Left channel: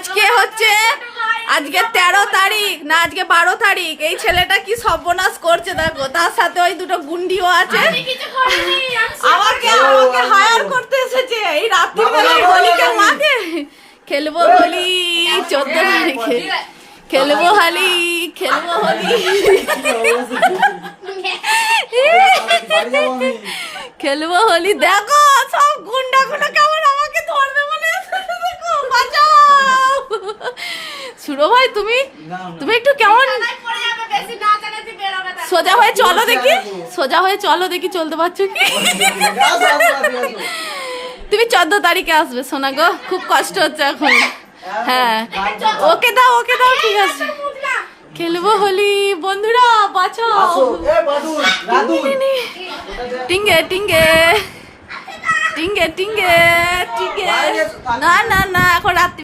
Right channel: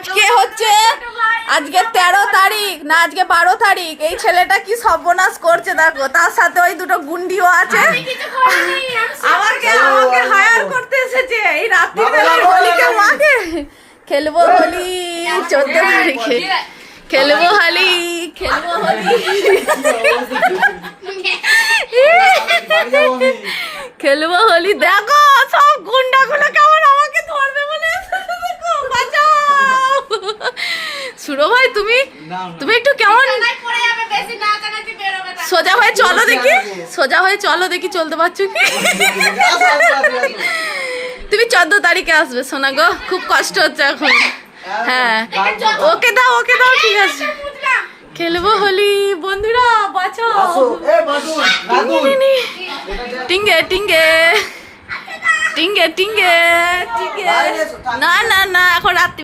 আজকে হচ্ছে আজকে 13 তারিখ না, আজকে 12 তারিখ। এই ছেলেটা কি সর্বনাশ করছে দেখো, তার সাথে ওই দুটো গুন্ডিও আছে। আমাকে হায়ার করতে এসেছে এই রাত্রিবেলা হোলিকে মাকে খেলবো হোলি 14 তারিখে খেলবো হোলি খেলবো হোলি। দেখো সব গুন্ডাগুলো কেমন আমাকে ধরবে বলে দেখো, বাঁচাও। সুরো ভাই তুমি একটু কেমন সোজা হয়ে চলো দেখি, সোজা হয়ে চলো দেখি চলতে পারছো কি? তুমি 14 তারিখে আসবে সোনা গো, খুব কষ্ট হচ্ছে এখন। হ্যাঁ ওকে দাও ঠিক আছে। খেলবো হোলি বন্ধুরা, বাঁচাও। টিঙ্গে টিঙ্গে টিঙ্গে টিঙ্গে টিঙ্গে। না এখন রাত্রি